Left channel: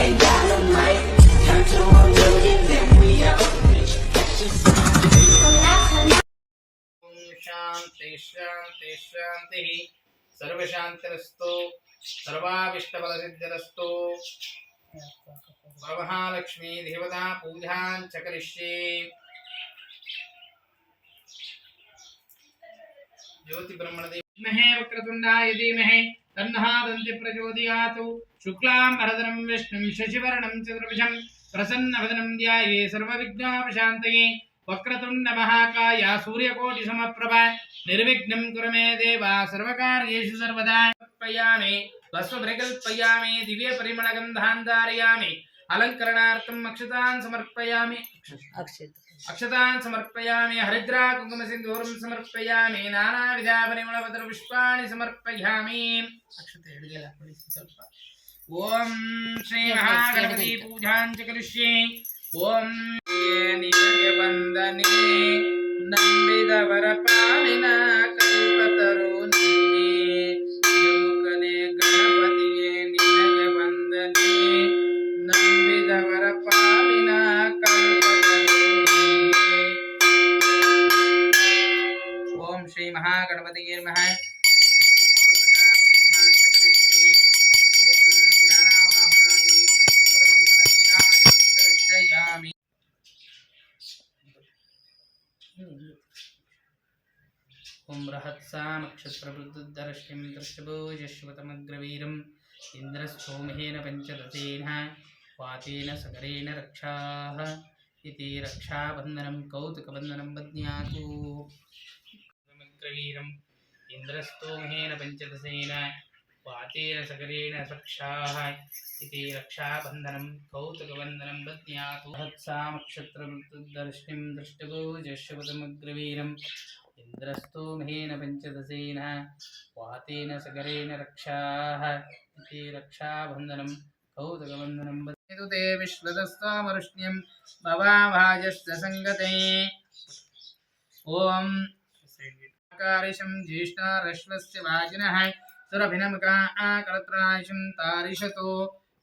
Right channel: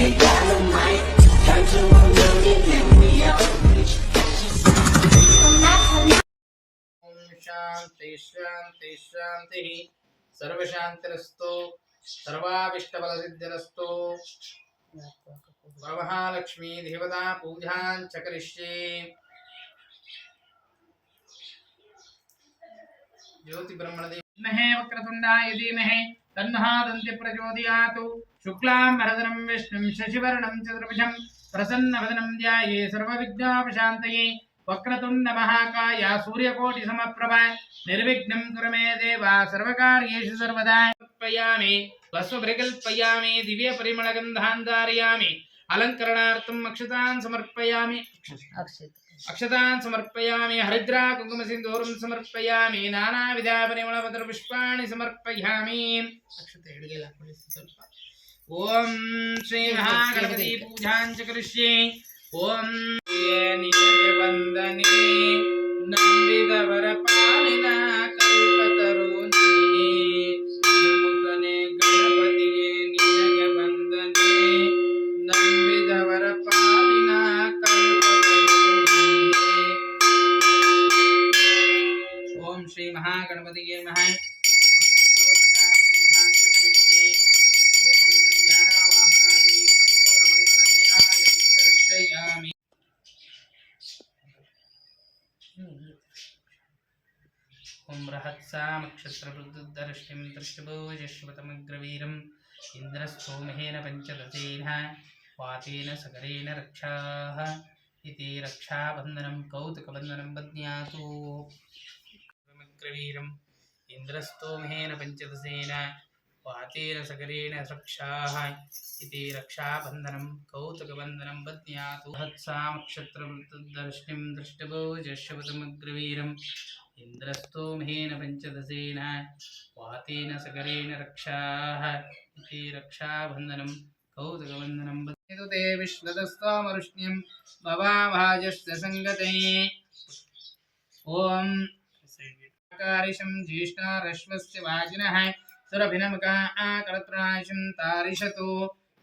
Ain't got no mic. Turn to a million, then we up. शांति शांति शांति सर्वशांतिरस्तु सर्वाभीष्टफलसिद्धिरस्तु वरमहालक्ष्मी देवता पूजां च करिष्ये ज्योति ब्रह्मणदेवमहे वक्रतुण्डाय धीमहि तन्नः दन्ति प्रचोदयात् शुक्लां वरदनं विष्णुं शशिवर्णं चतुर्भुजं प्रसन्नवदनं ध्याये सर्वविघ्नोपशान्तये वक्रतुण्ड महाकाय सूर्यकोटि समप्रभ निर्विघ्नं कुरु मे देव सर्वकार्येषु सर्वदा समर्पयामि वस्त्रपरिकल्पयामि दिव्य परिमलगन्धान् धारयामि अलङ्करणार्थम् अक्षतान् समर्पयामि अक्षतान् समर्पयामि हरिद्रा कुङ्कुम सिन्दूरं समर्पयामि नानाविध परिमलपत्र पुष्पाणि समर्पयामि अक्षते हिडिಗೆಲ್ಲ ಕೊಡಿಸಿ ಸ್ವಲ್ಪ ओम श्री महागणपति पूजां च करिष्ये ओम नियगे वंदने नंबिदवर पालिನ कल्पतರು ನೀನೇ ಮುಖನೆ ಗಣಪತಿಯೇ ನಿನಗೆ ವಂದನೆ ನಂಬಿದವರ ಪಾಲಿನ ಕಲ್ಪತರು ನೀನೇ ओम श्री महागणपतिये नमः ओम रहत्सामक्षत्रवृद्धरश्मिं दृष्टभोजश्वतमग्रवीरम् इन्द्रस्थोमेन पंचदशेन वातेन सगरेण रक्षाः इति रक्षाबन्धनं कौतुकबन्धनं बध्नातु समग्रवीरम् इन्द्रस्थोमेन पंचदशेन वातेन सगरेण रक्षाः इति रक्षाबन्धनं कौतुकबन्धनं बध्नातु रहत्सामक्षत्रवृद्धरश्मिं दृष्टभोजश्वतमग्रवीरम् इन्द्रस्तोमेन पंचदशेन वातेन सगरेण रक्षाः इति रक्षाबन्धनं कौतुकबन्धनं बध्नातु ते विश्वदस्तामरुष्ण्यं भवाभाजस्य संगते ओम कारिशं ज्येष्ठारश्वस्य वाजिनः सुरभिनमका आकरत्रायशं तारिशतो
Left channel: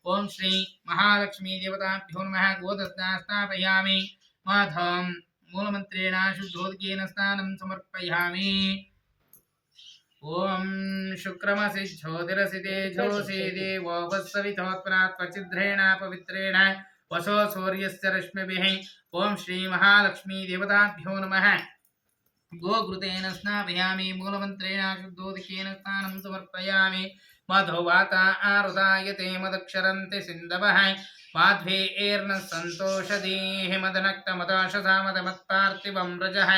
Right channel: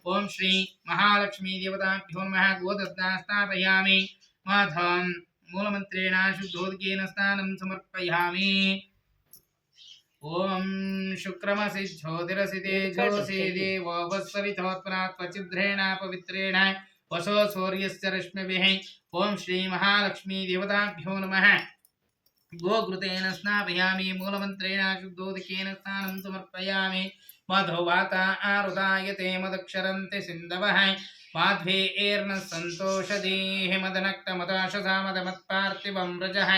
ओम श्री महालक्ष्मी देवताभ्यो नमः गोदत्ता स्थापयामि माधवं मूलमन्त्रेण शुद्धोदकेन स्नानं समर्पयामि ओम शुक्रमसि ज्योतिरसि तेजोसि देवो वत्सवितोत्पन्ना त्वचिद्रेण पवित्रेण वसो सूर्यस्य रश्मिभिः ओम श्री महालक्ष्मी देवताभ्यो नमः गोघृतेन स्नापयामि मूलमन्त्रेण शुद्धोदकेन स्नानं समर्पयामि मधुवाता आरुदायते मदक्षरन्ति सिन्धवः माध्वेर्न सन्तोषधीः मदनक्तमदाशसा मदमत्पार्थिवं व्रजः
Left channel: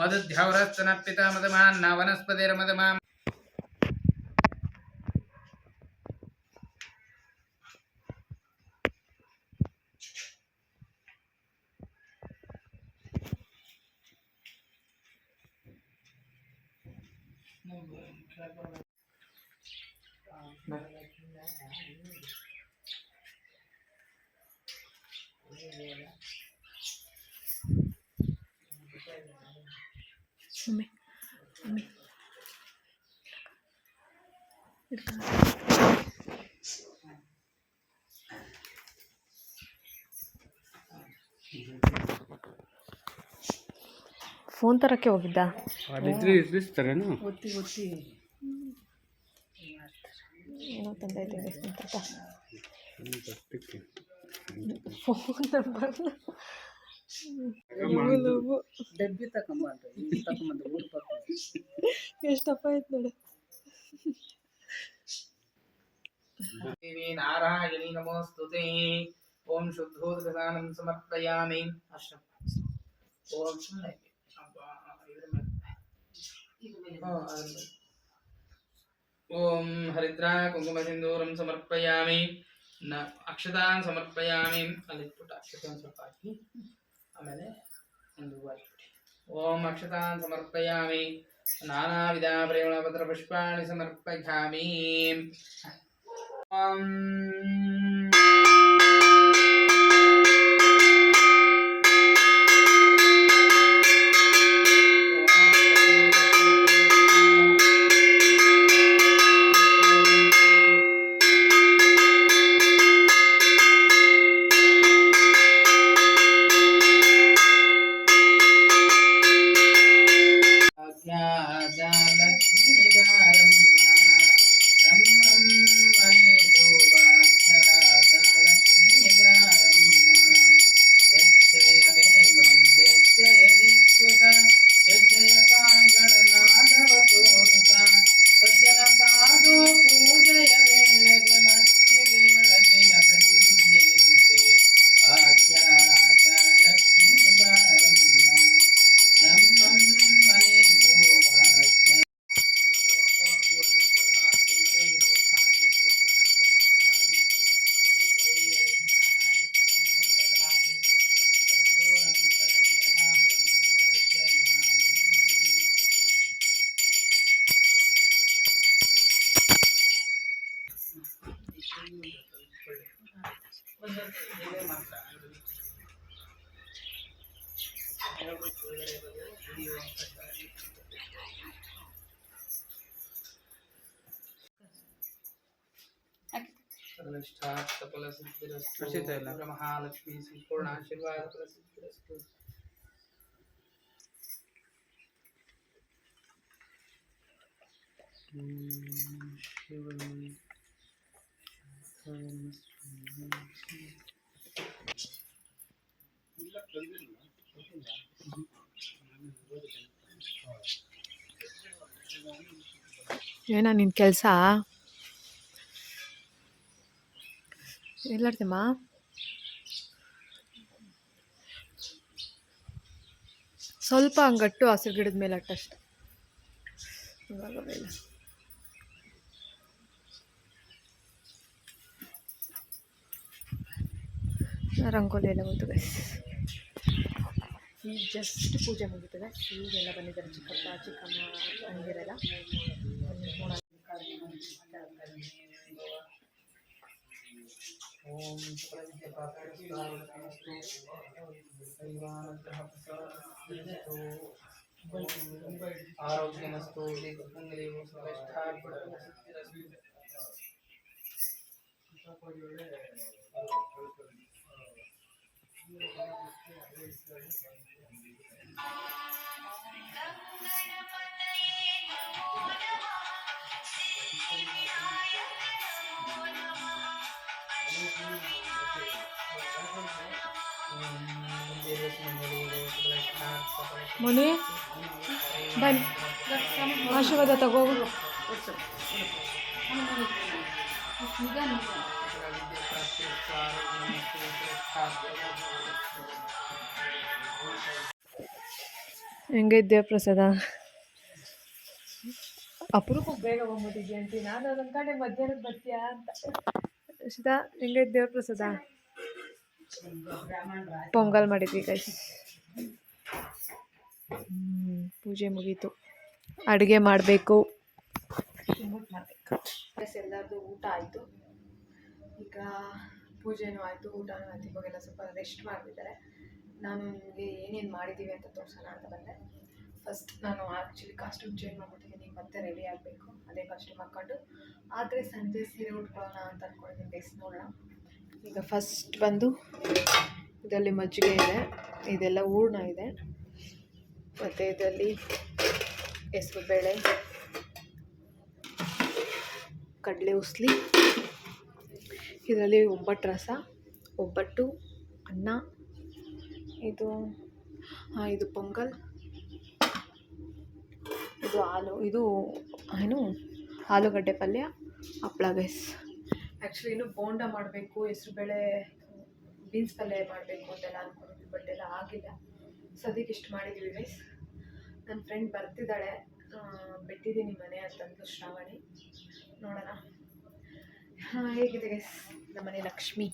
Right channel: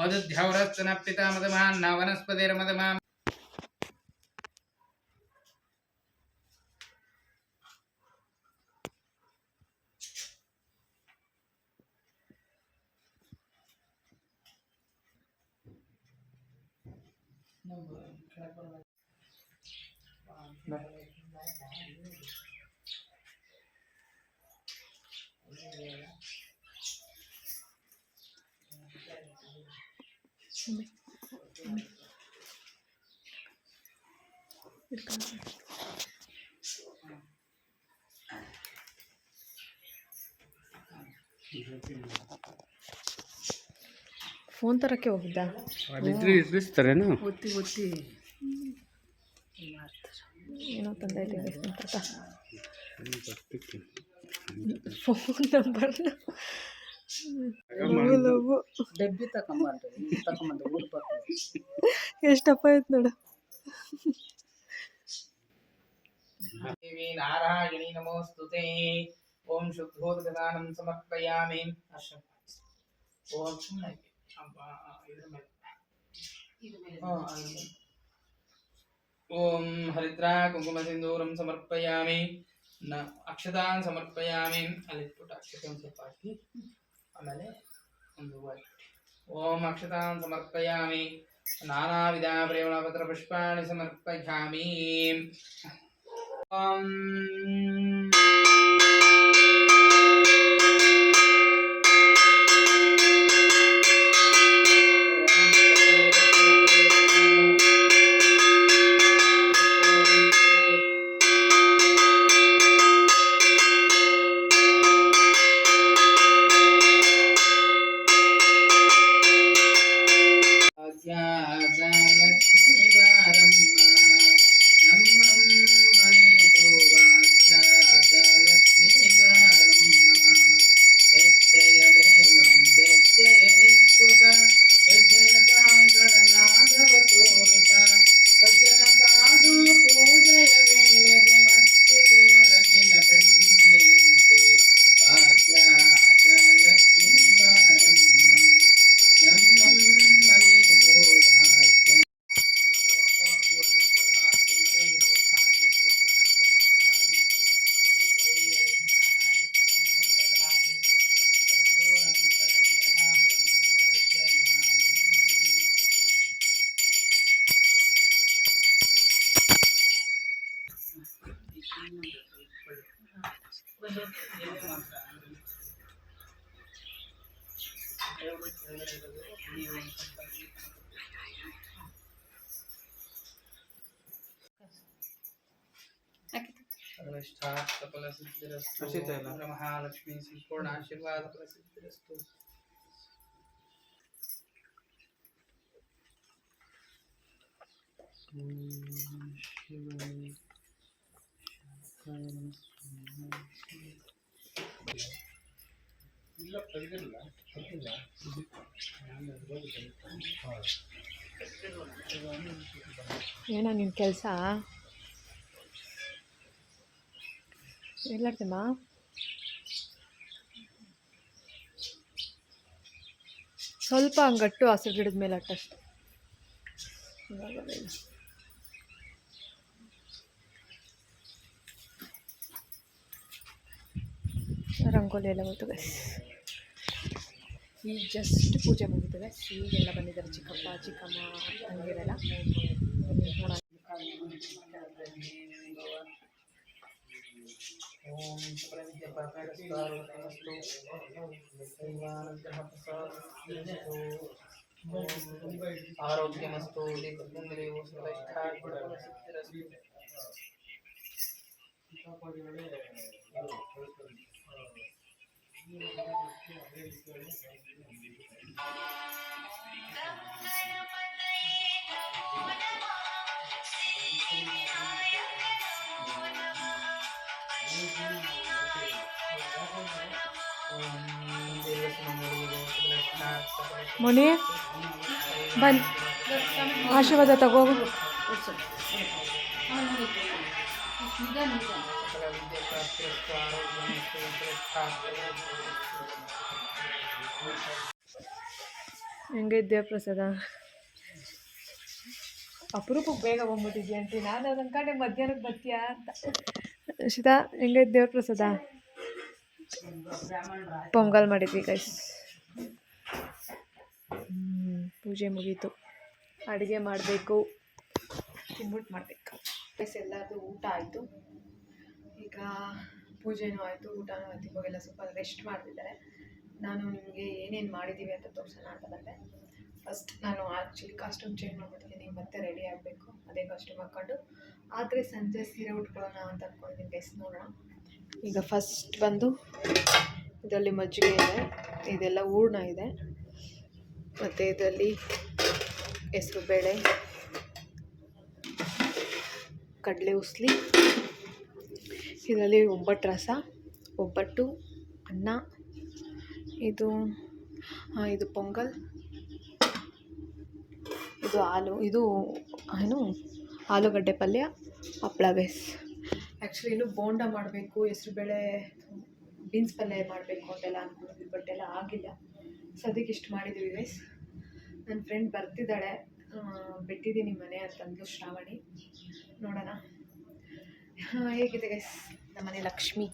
मदुद्यौरश्च न पिता मदमान्न वनस्पतिर्मदमाम् ಫೋನ್ ತರಕ್ಕೆ ಹೋಗಿದ್ದ ಅಲ್ಲಿದ್ರೆ ಇರಿಸ್ತಾರೇನು ಗೊತ್ತಿ ಏನೋ ತಂದೈತೆ ಅಂತ ಫೋನ್ ನಂಬರ್ ಡಬ್ಬಿ ತಗೊಂಬಂದು ಊರು ಬರ್ತೀವಿ ಎಷ್ಟಪ್ಪ ಆಯ್ತು ನೋಡು देवी नारायणी नमोस्तुते ओम शुद्धोदकदानं समर्पयामि ओम ओम हरिद्रा कुंकुम सिंदूरं समर्पयामि न अक्षतान् समर्पयामि अलिपुट अक्षतान् ಸ್ವಲ್ಪ ಹಾಕಿ ಆಮೇಲೆ ಒಂದು ओम अक्षतान् समर्पयामि नानाविध परिमलपत्र पुष्पाणि समर्पयामि ओम ಇದೇ ಮಾತ್ರ ವಿಡಿಯೋ ಸರ್ವಷ್ಟಾರ್ಥಫಲ ಸಿದ್ಧಿರಸ್ತು ಮಹಾಲಕ್ಷ್ಮೀ ಸಂಪೂರ್ಣ ಆಶೀರ್ವಾದ ಫಲ ಸಿದ್ಧಿರಸ್ತು ಏನೋ ನಿನ್ನ ಕೆಲಸ ಎಲ್ಲಾಡ್ತಮ್ಮ ಸ್ವಲ್ಪ ಹಂಗಟ್ಟು ಹಸಿರು ಗಿಡದ ಮೇಲೆ ಅಟ್ಟಷ್ಟು ಇವಾಗವೆಲ್ಲ ರಂಗೋಲಿ ಎಲ್ಲ ಹೋಯ್ತು ಗೈಸ್. ಈಗ ಜಸ್ಟ್ ಪೂಜೆ ಮುಗೀತದೆ. ಈಗೆಲ್ಲ ಬಂದಿದ್ದಾರೆ ಚಿಕ್ಕಪ್ಪ ಚಿಕ್ಕಮ್ಮ ತಂಗಿರೆಲ್ಲ ನೋಡೋಣ. ಓಂ ಸಕಲವಿದ್ಯಾಪಾತ್ರಸ್ತु ಆರೋಗ್ಯಮಸ್ತು ದೀರ್ಘಪುಂಗಲಿಯು ಸಕಲೈಷ್ಠಾರ್ಥಫಲ ಸಿದ್ಧಿರಸ್ತು ಮೊನ್ನೆ ಬನ್ನಿ ಆಶೀರ್ವಾದ ತಗೋಗು. ಹೆಂಗಿದ್ಯಾ ಪ್ರಸಾದ? ಅಪರೂಪಕ್ಕೆ ಬೇಗ ಬಂದ್ಬಿಟ್ಟಿದ್ಯಾ ಅಂತಿ. ನಾನು ಅದು ಅನ್ಕೊಂಡೆ ಮಧ್ಯಾಹ್ನಕ್ಕೆ ಬರ್ತೀಯಾ ಅಂತ. ಶಿತಾ ಹೆಂಗೈತೆ ದೇವ್ರ ಪ್ರಸಾದ? ಪೊಂಗಲ್ ಮಾಡಿದ್ವಿ ಗೈಸ್. ಪೂಜೆ ಮುಗೀತು. ಅಡುಗೆ ಮಾಡಬೇಕು, ತಿಂದ್ಬಿಟ್ಟು ಮಾಡಬೇಕು ಗೈಸ್. ಎಲ್ಲರದು ಊಟ ಆಯಿತು. ಈಗ ಪೂಜೆನೂ ಆಯಿತು, ಊಟನೂ ಆಯಿತು. ಇವಾಗೆಲ್ಲ ಸ್ವಲ್ಪ ರೆಸ್ಟ್ ಮಾಡ್ತಿದ್ದಾರೆ. ನಾನು ನಿಮಗೆ ಏನೇನು ಮಾಡಿದ್ದೀವಿ ಅಂತ ತೋರಿಸೋಣ ಅಂತ ಬಂದೆ. ಫಸ್ಟ್ ನಾನು ಆ್ಯಕ್ಚುಲಿ ಕಾಸ್ಟ್ಯೂಮ್ ಚೇಂಜ್ ಮಾಡ್ಬಿಟ್ಟಿದ್ದೀನಿ. ಮತ್ತೆ ರೆಡಿ ಆಗಬೇಕು ಅದೇ ಕಾಸ್ಟ್ಯೂಮ್ ಹಾಕ್ಕೊಂಡು. ಆದರೆ ಸಂಜೆ ಸೀರೆ ಉಟ್ಕೊಳ್ಳೋಣ ಅಂತ ಅಂದ್ಕೊಂಡಿದ್ದೀನಿ ಗೈಸ್. ನೋಡೋಣ. ಈಗ ಫಸ್ಟ್ ಬಂದು ಇದರಲ್ಲಿ ಮಜ್ಜಿಗೆ ಇದೆ, ಇದೆಲ್ಲ ಹೂರ್ಣ ಇದೆ, ಮತ್ತು ಇದರಲ್ಲಿ ಹೆಸರುಬೇಳೆ, ಕಡಲೆ ಉಸ್ಲಿ, ಇದರಲ್ಲಿ ಒಬ್ಬಟ್ಟು ರಸ, ಒಬ್ಬಟ್ಟು, ಅನ್ನ, ಇದು ಇದು ಪೊಂಗಲ್, ಇದು ಹಾಲು, ಇದು ಏನು ಆಲೂಗಡ್ಡೆ ಪಲ್ಯ, ಹಪ್ಪಳ ಗೈಸ್. ಆ್ಯಕ್ಚುಲಿ ಇನ್ನೂ ಬೋಂಡ ಮಾಡಬೇಕು, ಹೆಸರುಬೇಳೆ ಬೀನ್ಸ್ ಪಲ್ಯ ಮಾಡಬೇಕು ಅಂತೆಲ್ಲ ಅಂದ್ಕೊಂಡಿದ್ವಿ, ಬಟ್ ಎಲ್ಲ ಆಗಿಲ್ಲ. ಸದ್ಯಕ್ಕೆ ಇಷ್ಟು ಮಾಡಿದ್ದೀವಿ ಗೈಸ್. ನನ್ನ ಫ್ರೆಂಡ್ ಬರ್ತಿದ್ದಾಳೆ, ಬಿಟ್ಟಿದ್ದೀನಿ ಮನೆ ಅಂತಂದು ಶ್ರಾವಣಿ. ನೋಡೋಣ ಹೇಗಿದೆ ಗೈಸ್ ನಮ್ಮನೆ ಲಕ್ಷ್ಮಿ.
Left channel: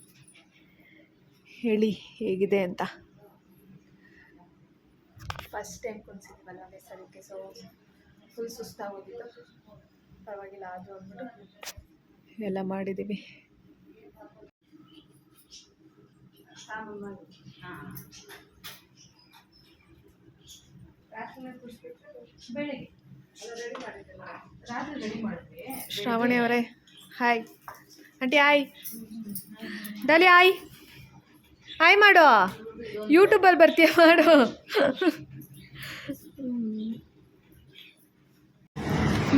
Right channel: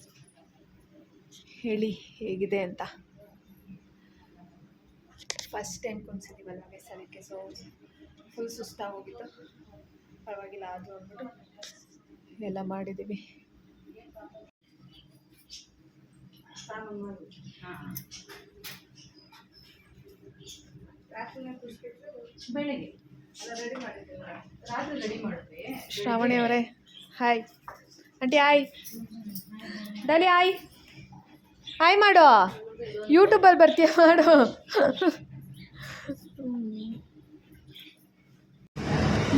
ಹೇಳಿ ಹೇಗಿದೆ ಅಂತ. ಫಸ್ಟ್ ಟೈಮ್ ಕುಣಿಸಿದ್ದೀವಲ್ವ ಗೈಸ್, ಅದಕ್ಕೆ ಫುಲ್ ಸುಸ್ತಾಗೋಗಿತ್ತು. ಪರವಾಗಿಲ್ಲ ಆದರೂ ಅಂದ್ಬಿಟ್ಟು ಎಲ್ಲ ಮಾಡಿದ್ದೀವಿ. ಶ್ರಾವಣಿ ಅವರೇ hi. Aunty hi. Dolly hi. Hi ಮಾಡು. ಯೂಟ್ಯೂಬಲ್ಲಿ ಬರ್ತೀಯ ಮಾಡು.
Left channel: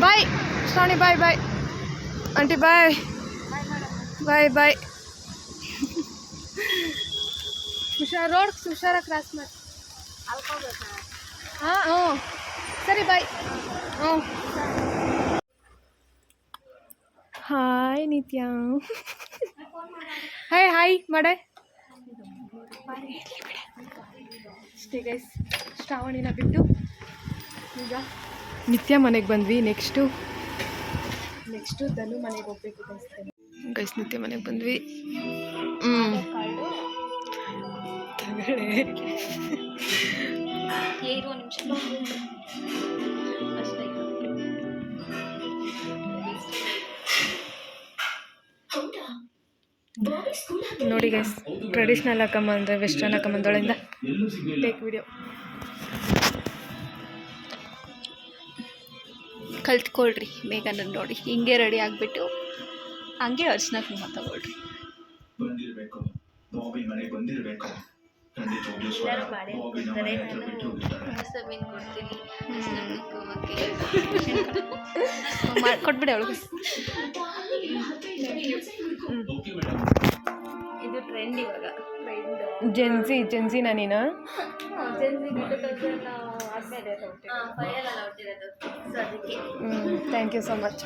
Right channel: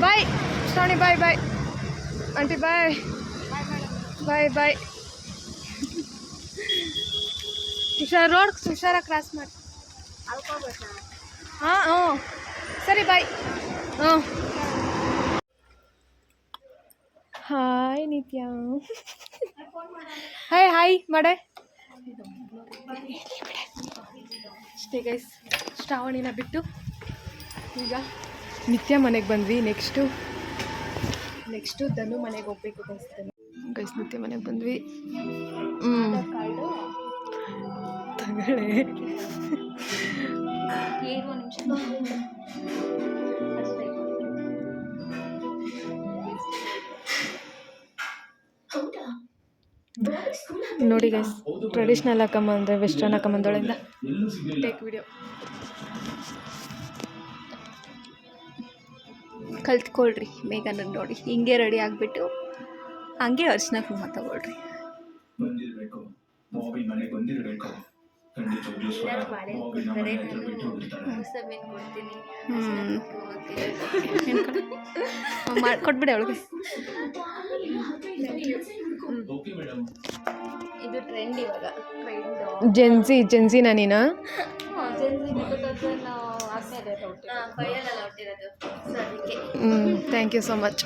Bye Shravani, bye bye. Aunty bye bye bye. ಹುಷಾರಾಗಿ ಕ್ರಾಸ್ ಮಾಡಿ. ಹಾಂ ಹ್ಞೂ ಸರಿ ಬಾಯ್. ಹ್ಞೂ ಹಾಯ್ ನಿತ್ಯ. ಹಾಯ್ ಮಾಡೆ. ಅಷ್ಟೇ ಗೈಸ್, ಶ್ರಾವಣಿನ ಬಿಟ್ಟು ಈಗ ನಿತ್ಯ ಮನೆಗೆ ಬಂದ್ವಿ. ನೆಕ್ಸ್ಟು ಧನು ಮನೆಗೆ ಹೋಗ್ಬೇಕು ಗೈಸ್. ನಿತ್ಯ ಮನೆಗೆ ಬಂದ್ವಿ. ತಗೊಳ್ಳೆ ನೋಡಿ ಗೈಸ್, ಟ್ರೆಡಿಷ್ನಲ್ ಹಾಕೊಂಬಂದ್ರೆ ವೆಸ್ಟರ್ನ್ ಹಾಕೊಂಬಂದೊಳಗಿಂದ ಟೇಕ್ ವಿಡಿಯೋ ಕಲ್ತ್ಕೊಳ್ರಿ. ಬೇಗ ನೋಡಿ ಹಿಂಗೆ ರೆಡಿ ಆಗಿಬಿಟ್ಟು ಹಂಗೆ ಅರ್ಶಿನ ಕುಂಕುಮ ತಗೊಳ್ರಿ. ಬಂದಿರಬೇಕು ಬಾಬಿನ್ ಮನೆಗೆ ಬಂದಿರಬೇಕು. ಖಂಡಿತವಾಗ್ಲೂ ಕೊಟ್ಬಿಡಿ ಅವಳು. ಇದು ಟ್ರೆಂಡ್ ಇವಾಗ. ಜೆನ್ಸಿನ ನೀನು? Thank you so much.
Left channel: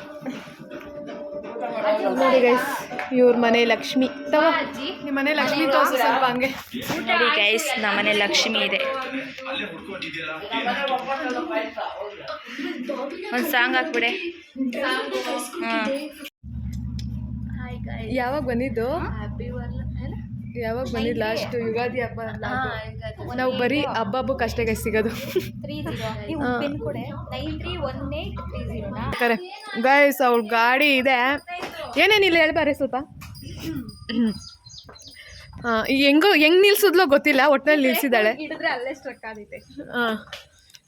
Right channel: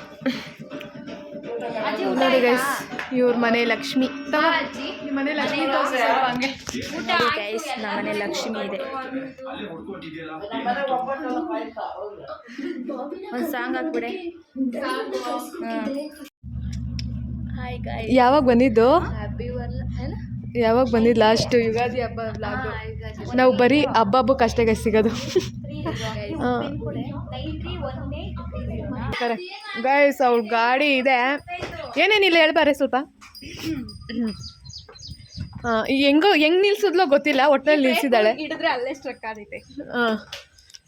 ನೋಡಿ ಗೈಸ್, ಇವ್ರ ಮನೆ ಲಕ್ಷ್ಮಿ. ನಿಮ್ಮ ಮನೆ ಲಕ್ಷ್ಮಿ ತೋರಿಸಿ ಹಂಗೆ. ನೋಡಿ ಗೈಸ್, ನಮ್ಮನೆ ಲಕ್ಷ್ಮಿ ಇದೆ. ಒಂದು ಸಾಂಗ್ ಹಾಕ್ಬಿಡೆ. ಹಾಯ್ ಗೈಸ್, ಯಾವಾಗ ಬಂದಿದ್ದು? ಹ್ಯಾಪಿ ಯಾವಾಗ ಬಂದಿದ್ದು ಲಾಸ್ಟ್ ಯುಗಾದಿ ಹಬ್ಬ ವ್ಲಾಗ್? ನಾವು ಬರೀ ಹಬ್ಬಕ್ಕೆ ಅಷ್ಟೇ ಗೈಸ್ ಸಿಗೋದು. ಗೈಸ್ ಅವ್ಳ ಗಾಡಿ ಇದೆ. ಏನೇನಿಲ್ಲ ಹೇಳ್ಬಾರೆ ಸ್ವಲ್ಪ. ಹೆಂಗೆ ನಿಲ್ಸಿದ್ಲೋ ಗೊತ್ತಿಲ್ಲ, ಒಟ್ಟಿನಲ್ಲಿ ನಿಲ್ಸಿದ್ದಾಳೆ. ಹಿಡಿದ್ರೆ ಅಲ್ಲೇ ಸ್ಟ್ರಕ್ ಆಗೈತೆ.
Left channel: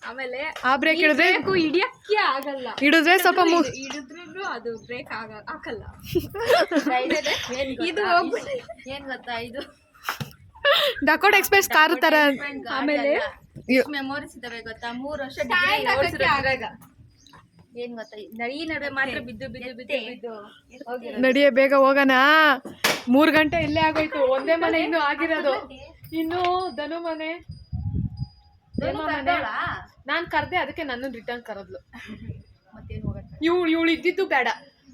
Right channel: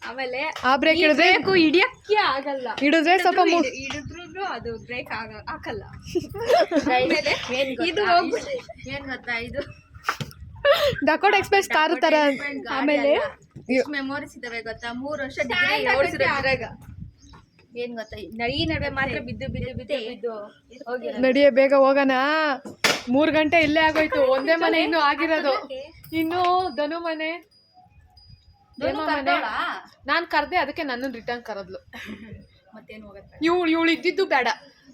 ಆಮೇಲೆ ಆ ಬ್ರೇಕ್ ಹಿಡಿದ್ರೆ ಹಿಡಿಯಕ್ಕೆ ಆಗಲ್ಲ. ಹಿಡಿದ್ರೆ ಸ್ವಲ್ಪ ಹಿಡಿದ್ರು ಅದು ಬ್ರೇಕ್ ಹಾಕಲ್ಲ. ಇದು ಏನ್ ಗೊತ್ತಾ, ಇದು ಡಕೋಟ ಎಕ್ಸ್ಪ್ರೆಸ್ ಕಾರು ತರ. ಆಮೇಲೆ ಮೆಮೊರೀಸ್ ಇದಾವೆ ಗೊತ್ತಾ. 3 ವರ್ಷ ಡಿಗ್ರಿ ಓಡಿಸಿರೋದ್ರಾಗ ಏನ್ ಗೊತ್ತಾ, ಈ ನಡುವೆ ಮಾತ್ರ ಬಿದ್ದು ಹೋಗಿ ನಡಿಯೇ ಬೇಗ ಹೋಗೋಣ. 3 ಗಂಟೆ ಇಲ್ಲೇ ಆಗೋಯ್ತು. ಒಂದೇ ಮನೆ ಇನ್ನೂ ಆಗಿರೋದು. ಇನ್ನು ಧನು ಮನೆ, ಹೇಮ ಮನೆ. ನಾನು ಕರೆದೆ, ಅದಕ್ಕೆ ನನ್ನನ್ನು ರಿಟರ್ನ್ ಕರೆದ್ಲು. ಮತ್ತೇನು ಹೋಗುತ್ತೆ. ಇವಳು ಇದ್ದಿದ್ದು ಬೇಡ,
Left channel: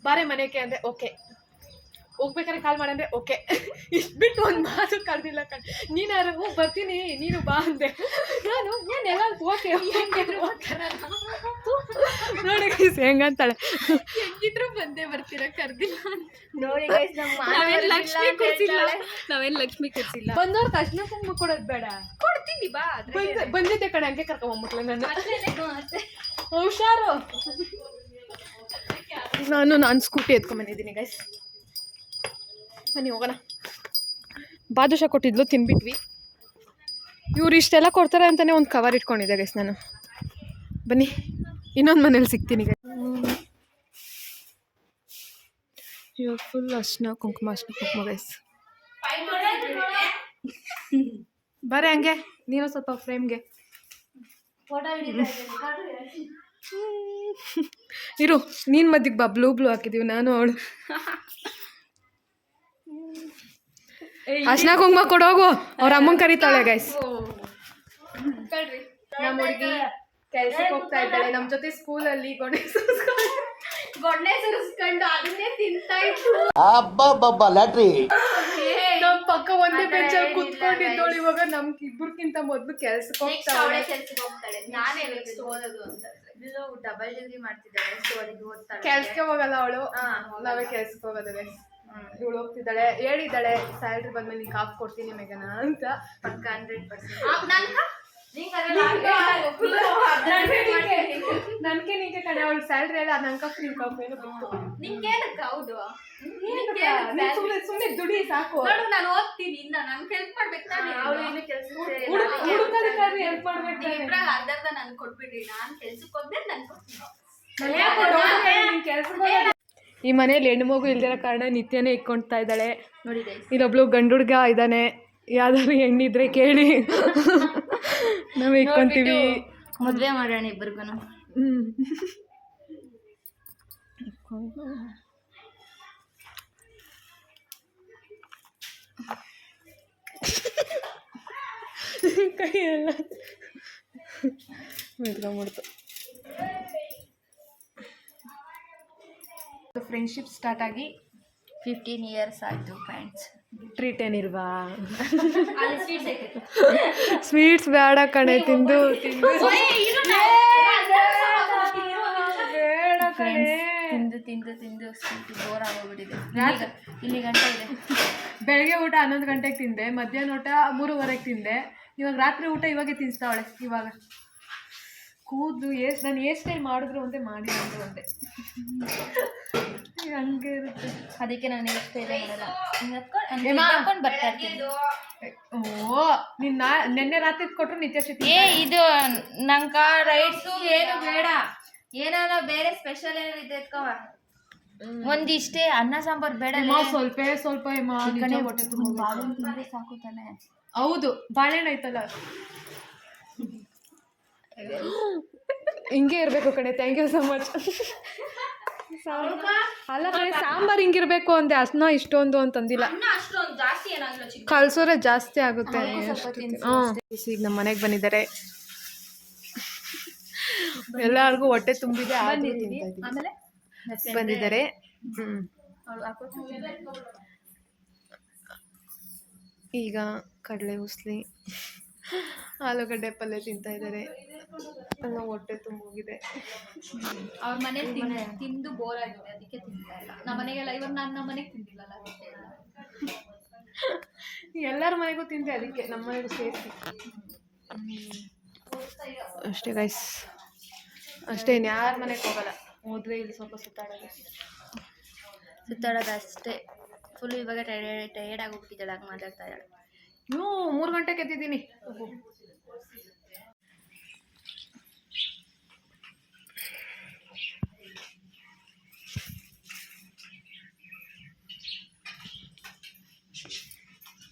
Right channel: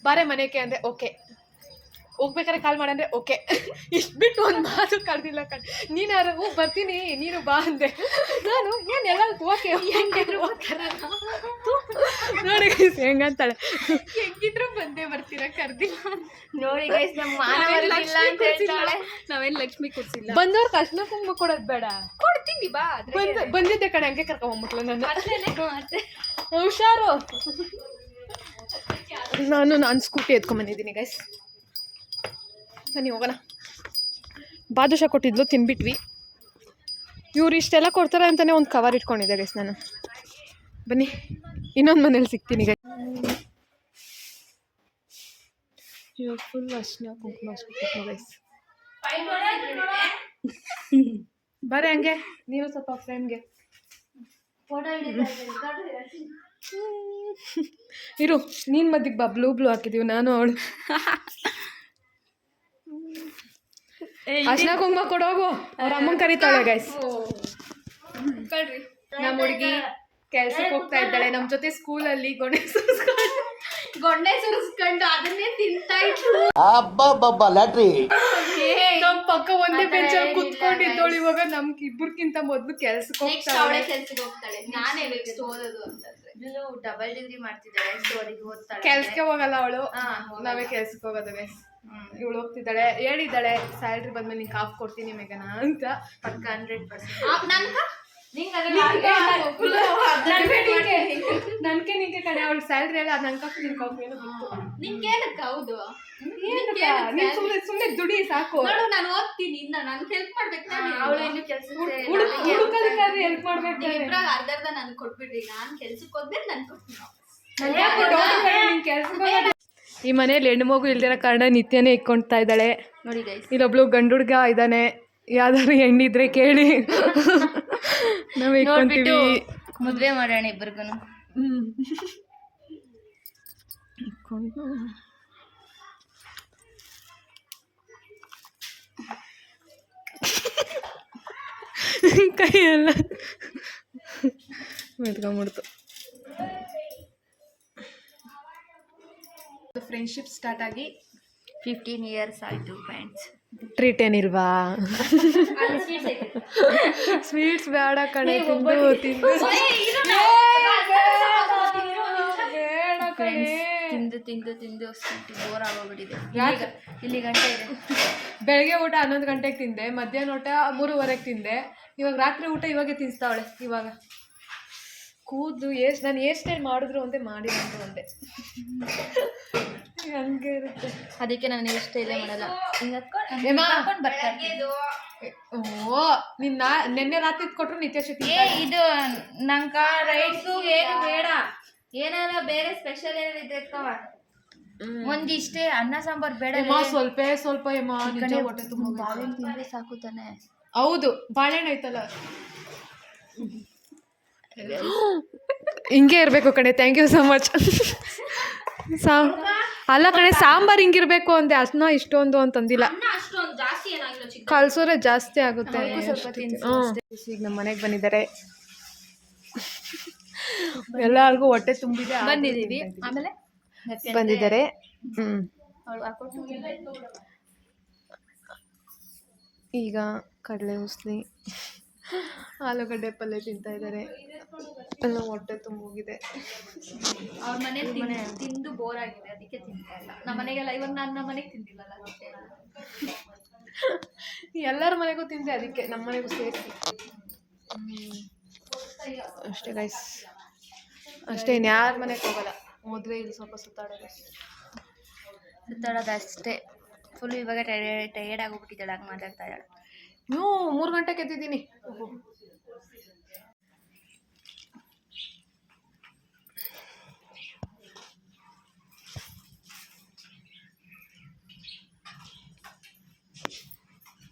ಬಾರೆ ಮನೆಗೆ ಅಂದೆ. ಓಕೆ, ಹೋಗ್ಬೇಕಾದ್ರೆ ಕಾಲ್ ಮಾಡಂದ್ರೆ ಓಕೆ. ಇಷ್ಟು ಬಿಟ್ಟು ಒಂದು ಮಾತು ಕರೆದಿಲ್ಲ ಕಣ್. ನೀನಾರು ಬರ್ತೀನಿ ನೀನು ಬಾ ಅಂದೆ. ನಾನು ಏನೆಲ್ಲ ಓಕೆ ನೋಡಿ ಹೆಂಗಂತಾಳೆ. ಹೆಂಗಿದ್ರು ಬಂದೇ ಬರ್ತೀರಾ, ಕರ್ದಿಲ್ಲ ನೋಡಿ. ನಾವೇನ್ ಲಕ್ಷ್ಮಿ ಕೊಡ್ಸಿಲ್ಲ. ಬಂದವ್ರ ತಕ್ಷಣ ಕುಂಕುಮ ಕೊಡೋದು ಬೇಡ, ಕೊಡ್ತೀನಿ ಬಾ. ಬಂದಿದ್ದೆ ಕಡೆ ಹಂಗೆ ಕರ್ಕೊಂಬಂದ್ಬಿಟ್ಲ ನನ್ನ. ಹುಷಾರು. ನಾನು ಸ್ಕೂಟಿ ಎತ್ಕೊಂಡ್ಬಂದಿದ್ದೀನಿ ಗೈಸ್. ಬನ್ನಿ ಹೋಗೋಣ. ಬಾದುಷಾ ಕೊಟ್ಟಿದ್ಲು, ತಿನ್ಬಿಟ್ವಿ. ಇವ್ರು ಇಷ್ಟೆಲ್ಲ ಕೊಡ್ತಾರೆ ಅಂತಲೇ ಒಂದು ಕವರ್ ಇಟ್ಕೊಂಡಿದ್ದೆ ಗೈಸ್ ನಾನು. ಬನ್ನಿ, ಇನ್ನೊಂದು ಮನೇಲಿ ಸಿಗ್ತೀನಿ ಗೈಸ್. ಇವಾಗ ಫುಲ್ ಅರ್ಶಿನ ಕುಂಕುಮ ಗೈಸ್. ಬರೇ ಹಂಗೆ ನೀನು ಸ್ವಲ್ಪ ಫ್ರೇಮ್ಗೆ ಇರು. ನೀನು ಮದ್ದಿಗೆ ಬಾ, ಬ್ಲೂ ಹಾಕಿದೀವಿ ನಾನು ಅವಳು. ಅರ್ಶಿನ ಕುಂಕುಮ ಕೊಡೋಗು, ಅವ್ರ ಅಮ್ಮಂಗೆ ಕರೀತಾಳೆ ಗೈಸ್. ನಮ್ಮ ಹುಡುಗಿ ಕೆಲ್ಸಕ್ಕೆ ಹೋಗ್ತಾ ಇದ್ದಾಳೆ. ನಮ್ಮ ಜೊತೆ ಸ್ಕೂಲಲ್ಲಿ ಗೊಣ್ಣೆ ಸುರಿಸ್ಕೊಂಡು ಅದನ್ನೇ ತಿಂತಾ ಇದ್ಲು. ನಮ್ಮ ಪಕ್ಕ ಒಂದೇ ಬೆಂಚಲ್ಲಿ ಕುತ್ಕೊಂಡಿದ್ದೋಳು. ಇವಾಗ ನಮ್ಗೆ ಇಬ್ಬರಿಗಿಂತ ಮೊದಲು ಕೆಲ್ಸಕ್ಕೆ ಹೋಗ್ತಾಳೆ. ನಾನೇ ಓದೋದು ಅಂತಂದ್ರೆ ಡಬಲ್ ಡಿಗ್ರಿ ಮಾಡ್ತಿದ್ದಾಳೆ. ಸ್ಟೋರಿಗೆ ಓದ್ತಾಳೆ. ಕೆಲ್ಸಕ್ಕೆ ಹೋಗಲ್ಲ ಅವಳು, ನಾವೇ ಕೆಲ್ಸಕ್ಕೆ ಹೋಗೋದು ಗೈಸ್. ಇವಳು ಹೋಗ್ತಿದ್ದಾಳೆ, ಹೇಳಿದ್ದಾಳೆ ಸ್ಯಾಲ್ರಿ ಬಂದ್ಮೇಲೆ ನಿಂಗೆ ಕಾಫ್ ಕೊಡ್ತೀನಿ ಮೇಘನಾ ಅಂತ. ಪಕ್ಕ 100%. ನನ್ಗೆ ನಿಂಗೆ ಕಡೆ ಅವಳು ಸ್ಯಾಲ್ರಿ ಎಲ್ಲ ನನ್ನ ಕಾಫ್ ನಿನ್ ಕಾಫ್ ಏನು ಬಿಟ್ಟು ನಿಂಗೇನಕ್ಕ? ಹೌದು, ಸುಮ್ಮನೆ ದುಡಿ ಸಾಕು. ನೋಡು, ನಾನು ಓದ್ತೀನಿ, ಇನ್ನ ನನ್ಗೆ ಹೆಲ್ಪ್ ಮಾಡ್ಬೇಕು. ಅವಳು ಇನ್ನು ಕೆಲ್ಸಕ್ಕೆ ಹುಡುಕದಕ್ಕಾದ್ರೆ ಹೆಲ್ಪ್ ಮಾಡ್ಬೇಕು. ಅರ್ಧ ನನ್ಗೆ ಕೊಟ್ಬಿಡ್ರಿ, ನಾನು ಕೆಲ್ಸಕ್ಕೆ ಹೋದ್ಮೇಲೆ ನನ್ಗೆ ಕೊಡ್ತೀನಿ. ಈ ಮನೇಲಿ ಹೆಣ್ಣು ಮಗು ಇಲ್ದಿರೋ ಕಾರಣ ನಿತ್ಯನೇ ಇಕ್ಕೊಳ್ತಾ ಇದ್ದಾಳೆ. ನೋಡಿ ಗೈಸ್, ಇಲ್ಲೊಬ್ಳು ಗಂಡು ಹುಡುಗ ಇದ್ದಾನೆ. ಯಾವ್ದಾದ್ರು ಹೆಣ್ಣಿದ್ರೆ ಕೇಳಿ, ನಾವೇ ಇಕ್ಕೊಂತೀವಿ. ಮದ್ವೆ ಮಾಡೋಣ ಇಬ್ಬರಿಗೂ. ಕೈಯೆಲ್ಲ ಮೆತ್ಕೊಂಡ್ಬಿಡ್ತು. ಫ್ರೆಂಡ್ಶಿಪ್ ಸ್ಟಾರ್ಟ್ ಆಗಿ 15 years ಆಯಿತು ಫ್ರೆಂಡ್ಸ್. ಟ್ರೀಟ್ ಏನಿಲ್ವಾ? ಸ್ವೀಟ್ಸ್ ಬೇಡ ಕಣೆ, ತಿಂದು ಬೇಡ ಕಣೆ. ತಿಂದು ಸ್ವೀಟ್ ಬೋರ್ ಆಗೋಗ್ಬಿಟ್ಟಿದೆ. ಇಲ್ಲಿ ಗಂಟೆ ಇದೆ. ಬೆಳಗ್ಗೆ ಊಟ 11 ಗಂಟೆಗೆ ತಿಂದೆ, ಮಧ್ಯಾಹ್ನ ಊಟ 3:30ಗೆ ತಿಂದೆ. ಇವಾಗ ರಾತ್ರಿ ಊಟ ಇವಾಗೆ ತಿನ್ನಿಸ್ತಾವಳೆ. ಇವಾಗ ಕೂದಲು ನಾನು ಹೇರ್ ಸ್ಟೈಲ್ ಮಾಡಿದ್ರು ಒಂದೇ ಮಾಡಿಲ್ಲ ಅಂದ್ರು ಒಂದೇ ಹಂಗೆ ಇರುತ್ತೆ. ಅದಕ್ಕೆ ನಾನು ಇಷ್ಟೇ ಇಲ್ಲ ಮಾಡಲ್ಲ. ಏಮಾ? ಬರ್ತಾ ಇರ್ತೀನಿ. ಓ ನಿನ್ನ ನೆನ್ನೆ ರಾತ್ರಿ ಕೊಟ್ಟರು ನಿತ್ಯ ಶೆಟ್ಟಿ ಇದು ನಂಗ ರೈಟ್ಸು ಏನು ಬೇಡ, ಏನಾರ ಬೇರೆ ಸ್ಪೆಷಲ್ ಏನಾರ ಇದೆ ಎತ್ಕವ. ಒಂದಿಷ್ಟೇ ಅನ್ನ ಸಾಂಬಾರ್ ಬೇಡ. ಸ್ವಲ್ಪ ನಿಜ ಹೊಟ್ಟೆ ತುಂಬ ಬಾಳೆಹಣ್ಣು ತಿಂದ್ರೆ ಸಾಕು ತಾನೆ. ಹೌದು ಬಾಳೆಹಣ್ಣು ಐತಲ್ಲ ಹಿಂಗೆ ಇರಬೇಕು ಕಣೆ. Thank you so much. ಅಲ್ಲ ಕಣೆ ಸಾಂಬಾರು ಹಿಂಗಿರ್ಬೇಕು ಅಂದೆ, ಅಷ್ಟನ್ನ ಇಷ್ಟೊಂದು ಅಂತಂದಿಲ್ಲ. ಅಷ್ಟೊಂದು ಜಾಸ್ತಿ ಏನಾಗಿಲ್ಲ, ಕಲ್ಸೋರೆ ಜಾಸ್ತಿ ಆಗುತ್ತೆ. ಈಗ ನಮ್ಮ ಮನೆಗೆ ಬಂದಿದ್ದಾರೆ, ಎಲ್ಲರಿಗೂ ಹೊಟ್ಟೆ ತುಂಬಿದೆ. ಬಂದಿದ್ದೀವಿ. ಆಮೇಲೆ ಬಂದಿದ್ದಾರೆ. ಈಗ ಕಡಲೆ ಉಸ್ಲಿ ಆಲೂಗಡ್ಡೆ ಪಲ್ಯ ತಿಂತಾ ಇದ್ದಾರೆ. ಹೊಟ್ಟೆ ತುಂಬೋಗಿದೆ. ಅವ್ರ ಮನೇಲಿ ತಿಂದು ಬೋರ್ ಆಗಿದೆ, ಅದಕ್ಕೆ ತಿಂತಾ ಇಲ್ಲ. ನಮ್ಮ ಮನೆಗೆಲ್ಲ ಇವಾಗ ನಾನು ನಮ್ಮ ಮನೆಗೆ ತಿಂದಿಲ್ಲಲ್ಲ, ಅದಕ್ಕೆ ಎಲ್ಲರ ಮನೆಗೂ ತಿಂದೆ, ಅದಕ್ಕೆ ನಮ್ಮ ಮನೆಗೂ ಸೇರಿಸಿ ಅಷ್ಟೇ ಗೈಸ್. ಅಷ್ಟೇ, ಇನ್ನು ಯಾರ ಮನೆಗೆ ಹೋಗಲ್ಲ. ಹೋದ್ರೆ ಇಲ್ಲಿ ಸ್ವಲ್ಪ ಸುತ್ತಾಡೋದು ಅಷ್ಟೇ. ಫುಲ್ ಇವಾಗ ಟಯರ್ಡ್ ಆಗೋಗ್ಬಿಟ್ಟಿದ್ದಾಳೆ, ಹಂಗೆ ಮಾತಾಡ್ತಾ ಇದ್ದಾಳೆ. 3 ಗಂಟೆಗೆ ಎದ್ದಿದ್ದೀನಿ.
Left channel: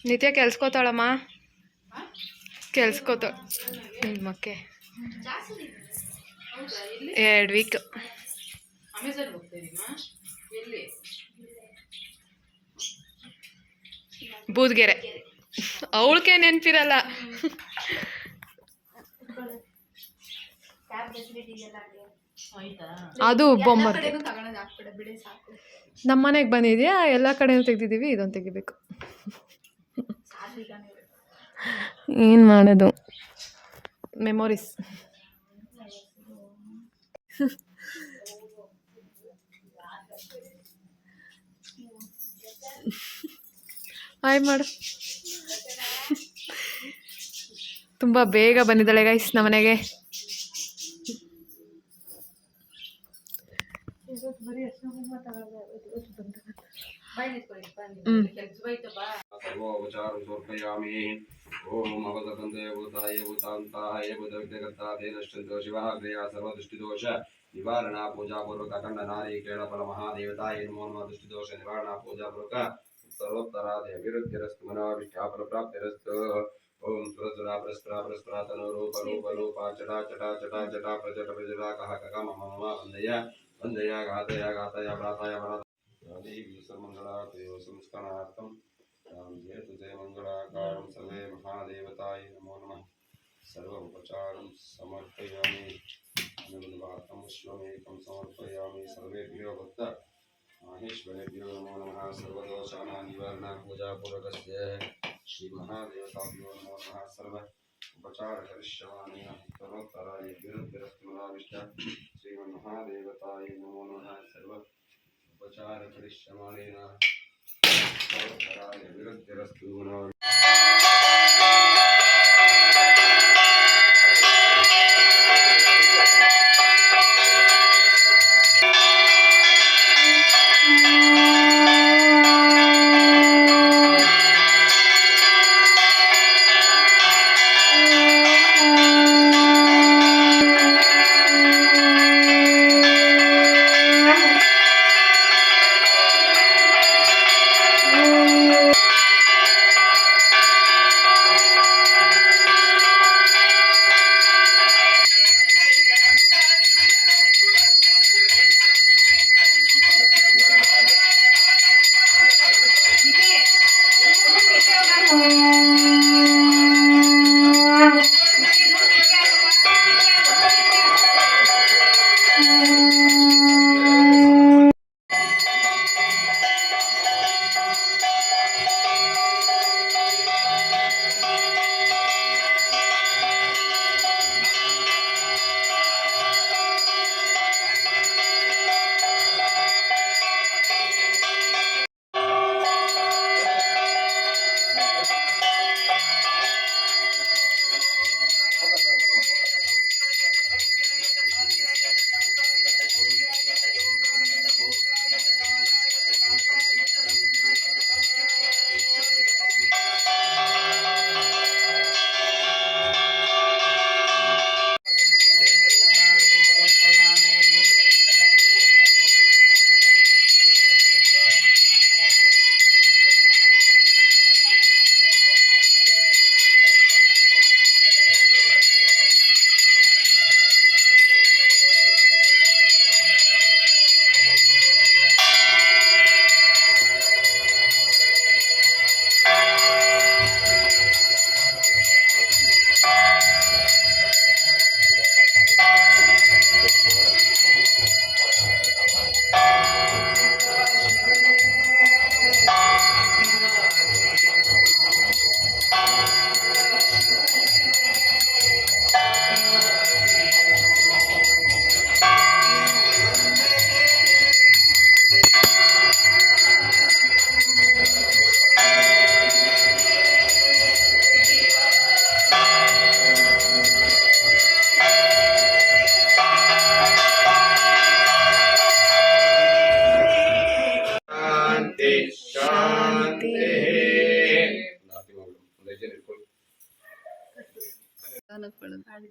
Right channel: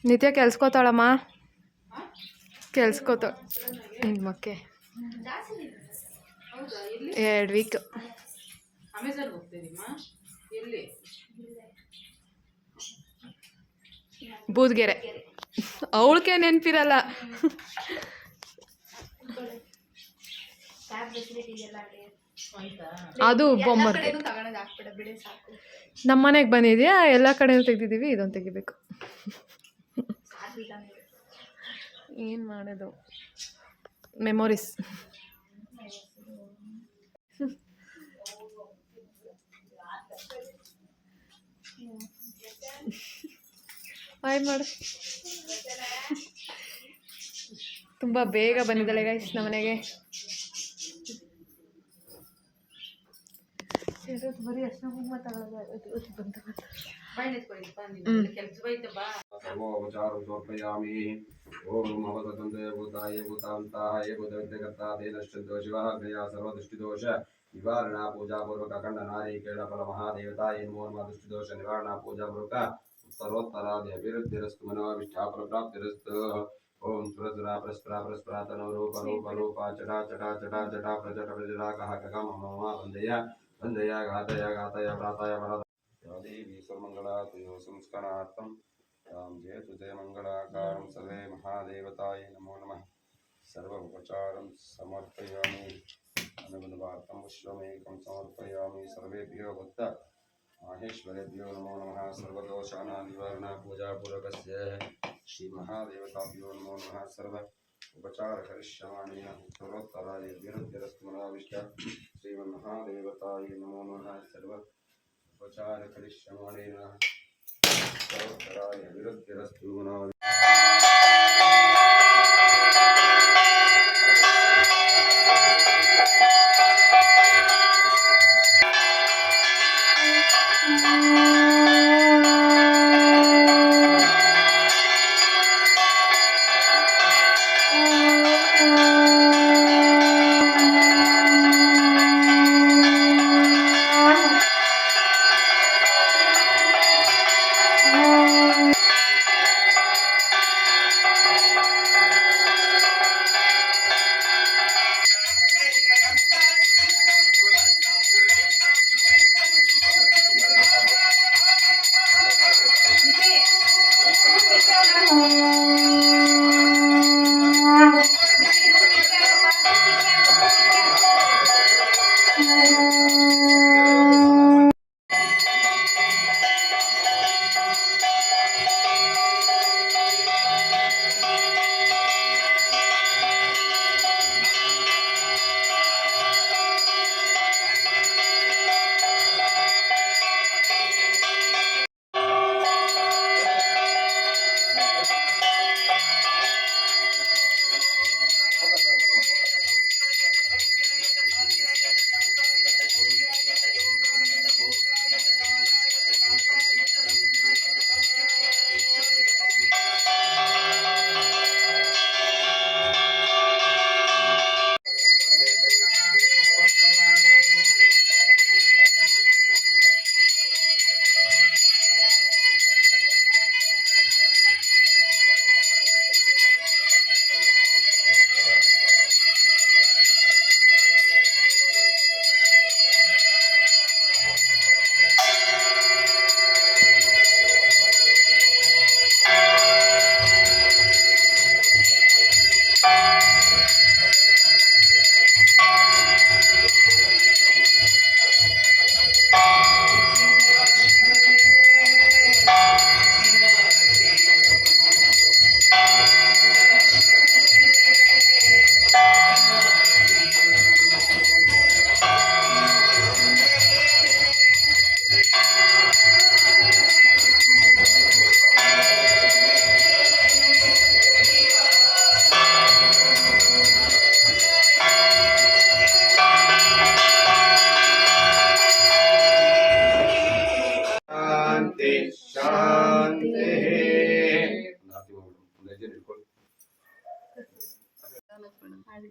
ನಿತ್ಯ ಕೆಲ್ಸ್ಕೋತಾಳಮ್ಮ, ಕೆಲ್ಸ್ಕೋತಾಳ ನಿಮ್ಮಕ್ಕೆ 2 ವೀಕ್. ಅಮೆಝಾನ್ಗೆ ಹೋಗ್ತೀರಿಮ್ಮ? ಎಲ್ಲಿ? ಬೂದ್ಗೆರೆ. ಅವಳಿಗೆ ನೆನಪಿರಲ್ಲ. ಅದು ಬೊಮ್ಮರ್ಗೆ. ನಮ್ಮ ಮನೆಗೆ ಬಂದಿದ್ಯಾ, ಎಲ್ಲ ಕಡೆನೂ ತೆಗ್ದಿದ್ದೀವಿ, ಇದೊಂದು ತೆಗಿಬೇಕು. ಏನು ಮಾಡೋದು, ಮೆಮೊರೀಸ್. ಹಾಯ್ ಮಾಡು. ತುಂಬ ಬೇಗ ಬಂದಿದ್ದಾಳೆ ಗೈಸ್ ನಮ್ಮನೆಗೆ. ಸರ್ವೋಪಚಾರಂ ಸಮರ್ಪಯಾಮಿ. ಓಂ ಅವತಂತೆ ಭೂತಾಯ ಭೂತಾಂತಾಯ ಭೂತವಿಘ್ನಕರ್ತಾದೇನಶ್ಚಂತೋ ಶಿವಃ ಕ್ರಿಯಾ ಸರ್ವದೃಷ್ಟಿದೋಷ ನಿವಾರಣಾ ಪೂಜಾಪೂರ್ವಕ ಅಖಂಡ ನಾರೀಕೇಳ ಫಲ ಮಹಾದೇವತಾಯ ನಮೋ ನಮಃ. ದೃಷ್ಟಿದೋಷ ನಿವಾರಣಾ ಪೂಜಾಪೂರ್ವಕ ಉತ್ತರೋತ್ತರಾದಿ ಅಭಿವೃದ್ಧಿರಸ್ತು ಮನೋಭಿಷ್ಟಾಫಲಪ್ರಾಪ್ತಿರಸ್ತು. ಓಂ ಸುರಸುರಾ ಪರಸ್ಪರ ಪರಸ್ಪರ ತನೋ ರೂಪ ರೂಪ ರೂಪ ಚಟಾ ಚಟಾ ಚಟಾ ಚಟಾ ಪ್ರಜಟ ಪ್ರಜಟಾ ಕಹ ಕಹ ಮಮ ಮಮ ವಂದಯ ವಂದಯ ಘಾತಯ ಘಾತಯ ಪ್ರಾತಯ ಪ್ರಾತಯ. ದೇವಿ ಸರ್ವಮಂಗಳಾ ತುಯೋ ಸಂಸ್ಕರಣಾರ್ಥಂ ರಾಮ್ ಜಯತು ಜಯ ಮಂಗಳಾಕಾರಂ ಸರ್ವೇ ಮಹಾದೇವತಾಯ ನಮೋ ನಮಃ. ಸರ್ವ ಉಪಚಾರಂ ಸಮರ್ಪಯಾಮಿ. ಅನುಗುಣವಾರ್ಥಂ ವಿಶ್ವಮೇಕಂ ಸಮರ್ಪಯಾಮಿ. ಸರ್ವೇಭ್ಯೋ ಭಕ್ತ माहेश्वरेभ्यो नमो नमः. सर्वदोषाणां निवारणा पूजापूर्वकस्य श्रीमहादेवताभ्यो नमो नमः. सर्व उपचार करिष्यामि. उत्तरोत्तराय विरुद्धिरस्तु मनाविष्ट श्रीमन्महादेवताय नमो नमः. सर्व उपचार करिष्यामि. उत्तरोत्तराय विरुद्धिरस्तु मनाविष्ट.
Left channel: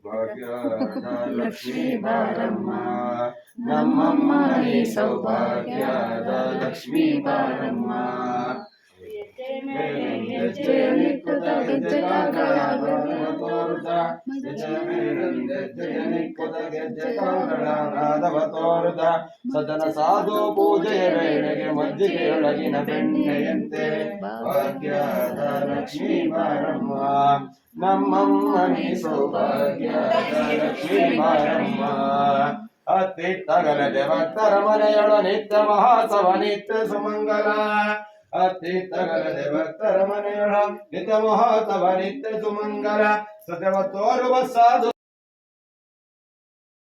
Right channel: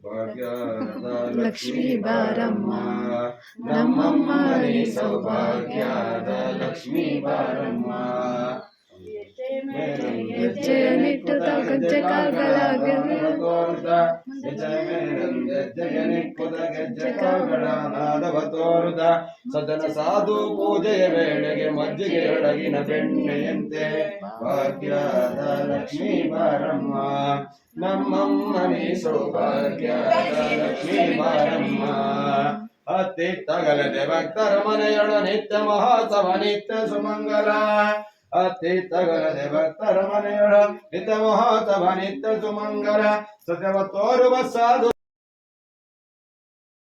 ಭಾಗ್ಯದ ಲಕ್ಷ್ಮೀ ಬಾರಮ್ಮ ನಮ್ಮಮ್ಮ ನೀ ಸೌಭಾಗ್ಯದ ಲಕ್ಷ್ಮೀ ಬಾರಮ್ಮ ಹೆಜ್ಜೆಯನ್ನಿಟ್ಟುತ್ತ ಗೆಜ್ಜೆ ಕಾಲ್ಗಳ ಸದನ ಸಾಧು ಪೂಜೆಯ ವೇಳೆಗೆ ಮಜ್ಜಿಗೆಯೊಳಗಿನ ಬೆಣ್ಣೆಯಂತೆ ಭಾಗ್ಯದ ಲಕ್ಷ್ಮೀ ಬಾರಮ್ಮ ನಮ್ಮಮ್ಮ ನೀ ಸೌಭಾಗ್ಯದ ಲಕ್ಷ್ಮೀ ಬಾರಮ್ಮ ಅತ್ತಿತ್ತಗಲದೆ ಭಕ್ತರ ಮನೆಯೊಳ ನಿತ್ಯ ಮಹಾಸವ ನಿತ್ಯ ಸುಮಂಗಲ ಅತ್ತಿತ್ತಗಲದೆ ಭಕ್ತರ ಮನೆಯೊಳ ನಿತ್ಯ ಮಹಾಸವ ನಿತ್ಯ ಸುಮಂಗಲ ಸತ್ಯವ ತೋರುವ ಸಾಧು